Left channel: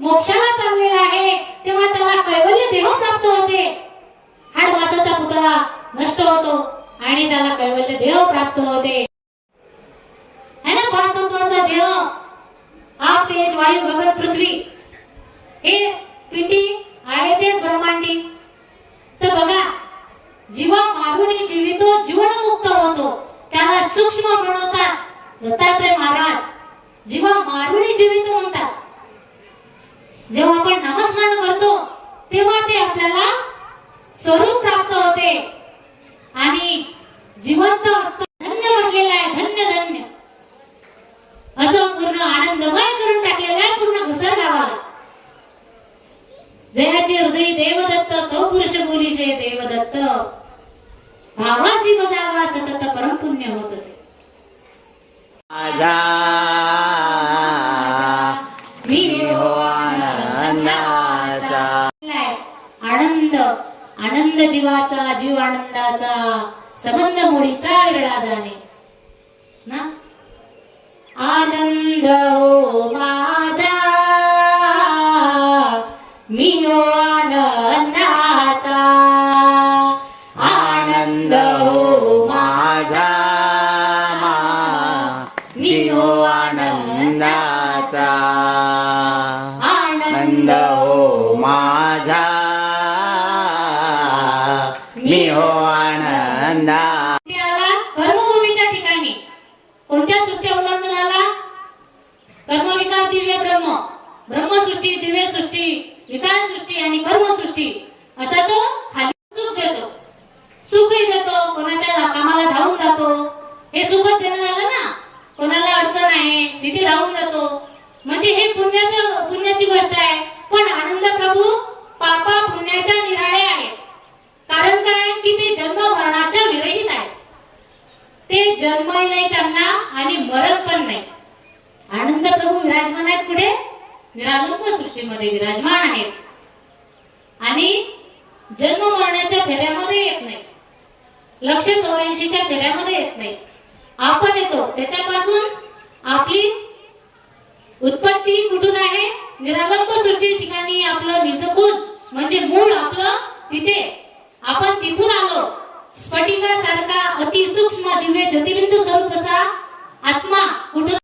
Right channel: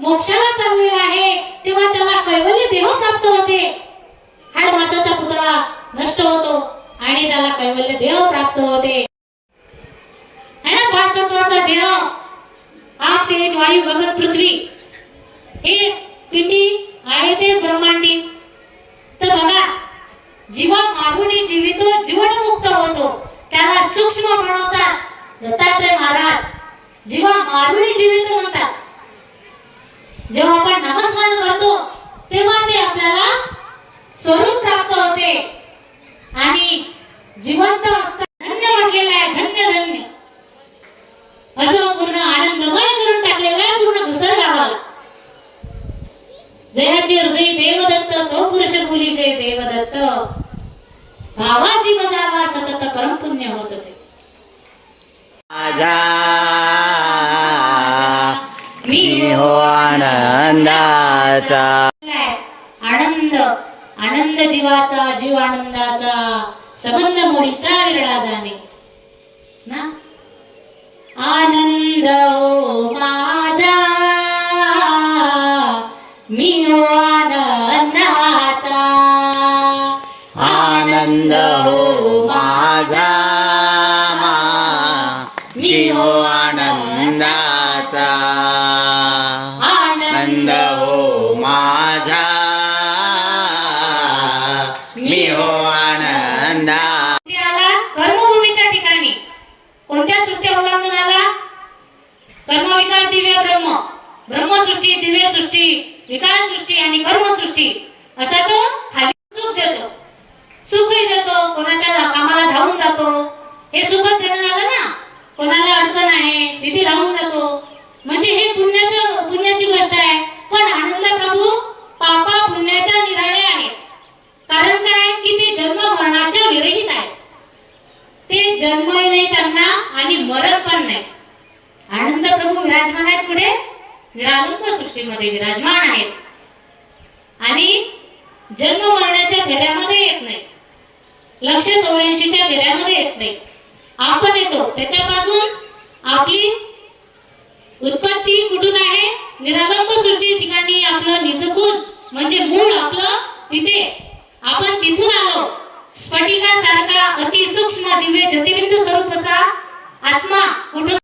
मोक्षाला चाललेला आहे तेव्हा त्याला कैवल्य देह प्राप्त होते. हाड मासाचा पुतळा नष्ट होतो आणि त्याला कैवल्य देह प्राप्त होते. है ना पाच तत्वाचा देह आग तेज वायू गगन पृथ्वी हे पिंडी आहे ते ब्रह्मांडी. तर बघा जीवा मारुणी जीवितो जीवनमुक्त होतो. त्याला सूक्ष्म बनवतात दत्तात्रय महाराज जीवा मारुणी जीवित म्हणतात. जेव्हा आपण नामस्मरण करतो तेव्हा ते आपल्याला स्वरूप प्राप्त होते. आणि जिवंत असतं धन्य म्हटलेलं आहे धन्य धन्य. असं पूर्ण आनंदमय करून टाकलेलं आहे पूर्ण घुसर गावाला जयाचे हृदय देवदत्त तो पुरुष मुलीचे देवदत्त. भावाशी बजावा सतत परम पुण्य होत असे. माझा आनंदाचा. आनंद आनंद जीवाचा जीव आनंदाचा. संबंध मोडीचा विरळा जाणे. ना? आनंद हो माझा. मी हो आनंदाचा. आनंद हो माझा. मा. जीव आनंदाचा. गोविंद हो माझा. मी हो आनंदा. कर्मभूमीच्या ठिकाणी कोणत्या सृष्टी अवलंबून आला? कर्मविकार दिव्य ब्रह्म. ब्रह्मसृष्टी दिव्य सृष्टी विकार सृष्टी आणि कर्मसृष्टी. असा तो खाली सुख देतो. देतो कोणाच्या कामाला धावून जातो. हे सुखच देणं झालं ना? कोणाला अडचण आहे तिथे धावून जातो. म्हणजे हे पुण्य पुण्याची गोष्ट आहे पण आनंद प्रभू पापा पुण्याच्या निराळे आहे कारण काय की ते जन्म मरणाच्या विरहित आहे ते जन्मही नाही त्यांना आणि मरण आनंद प्रभू विराजमान आहेत कुठे? निरालंब सृष्टीमध्ये विराजमान आहेत. आणि जन्म मरणाच्या फेऱ्यामध्ये येत नाही. लक्ष चौऱ्याऐंशीच्या फेऱ्यामध्ये येत नाही. आपण येतो. त्याच्यापासून आपली उत्पत्ती कुठून आहे? निरालंब सृष्टी ठिकाणी आपलं निजकून म्हणजे मूळ आपलं तिथे. आपण तिथून आलो. स्फटिकासारखा अति सूक्ष्म दिव्य ज्योतिबिंदू स्वरूप असा आत्मा कुठून